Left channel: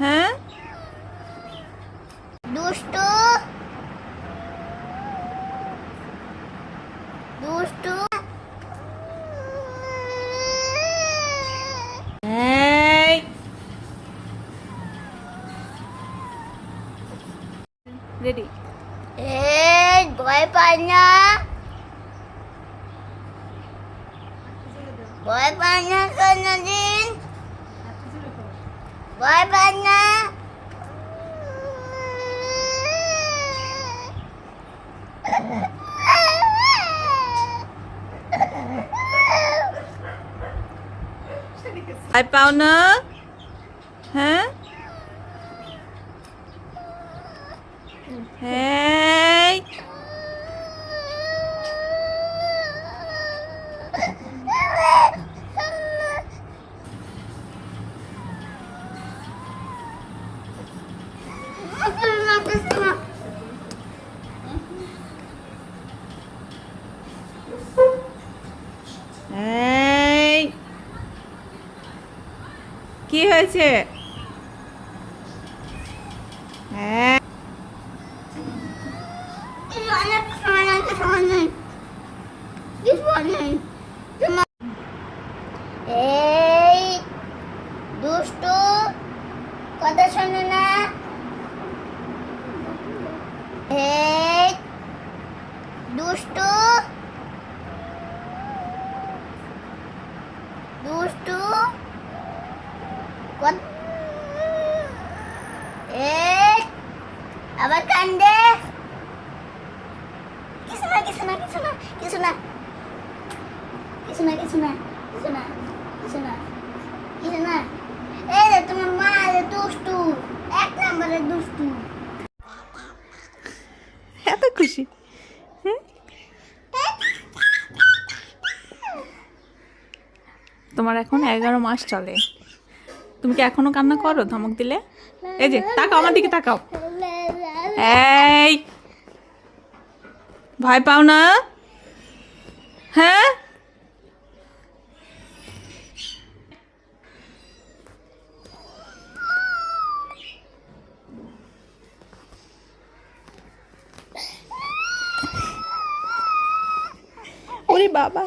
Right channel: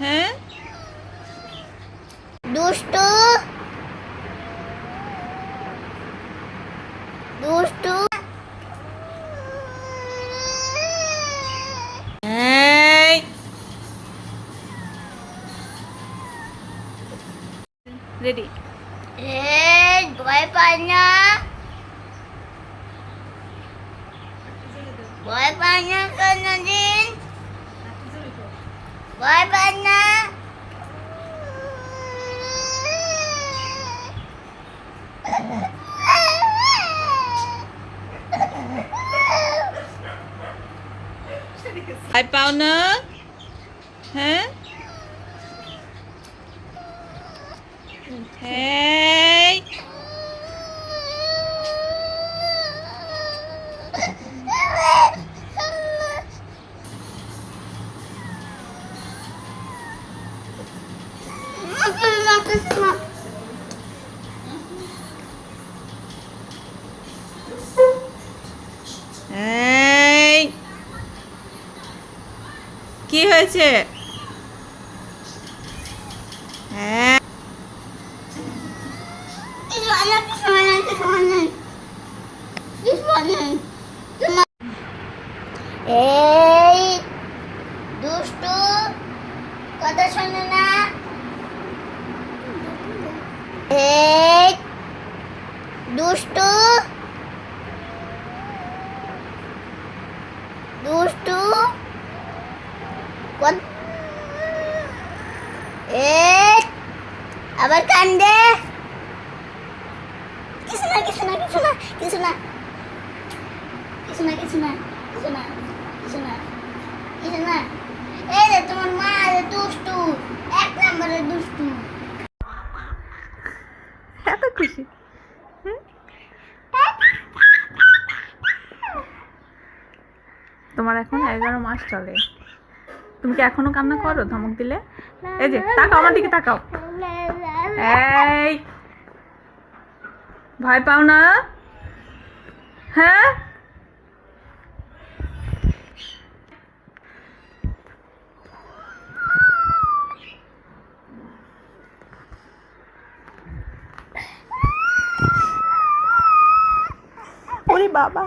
হ্যাঁ দুষ্টু দুষ্টু এই রেডি ভয় পায় না, ভয় পায় না কোনদিন, ভয় পায় না। ভয় পাও না? হ্যাঁ এই এই কি হয়েছে? হ্যাঁ এই দুষ্টু কথা শোনে না, এই দুষ্টু দুষ্টু এই আবার কান্দে। কিছু না কিছু না কিছু না কিছু না কিছু না কিছু না কিছু না কিছু না কিছু না। এই রে তোমার মা রে দুষ্টু, এক নম্বরের দুষ্টু। এত খুশি। তোমার এখন 11 মাস চলে, তুমি কি এখনো কান্না করো ধমক দিলে? এই যে তাকাও আমার দিকে, তাকাও। এই ভয় পাও না? হ্যাঁ ওরে বাবা।